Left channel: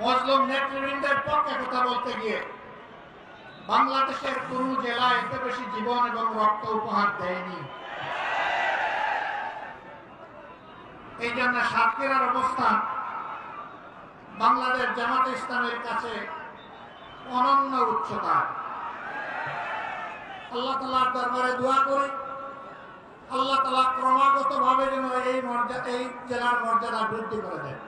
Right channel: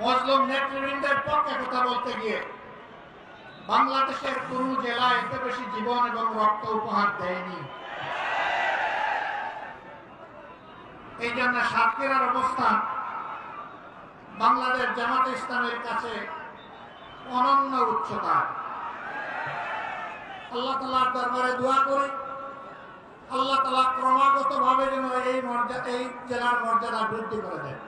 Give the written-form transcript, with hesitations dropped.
মুসলিম নেতৃবৃন্দের পক্ষে কথা বলতে গিয়ে বাংলাদেশের কোন জেলা এত বেশি জীবন এবং রক্ত উপহার দেয়নি। এই জন্য সাতক্ষীরার অবস্থান বাংলাদেশ জামাতে ইসলামের কাছে অনন্য উচ্চতা। আল্লাহ তাআলার দরবারে দোয়া করি, আল্লাহ তাআলা ক্রমাগত ভাবে যেন এই জেলার মর্যাদা বৃদ্ধি করে দেন।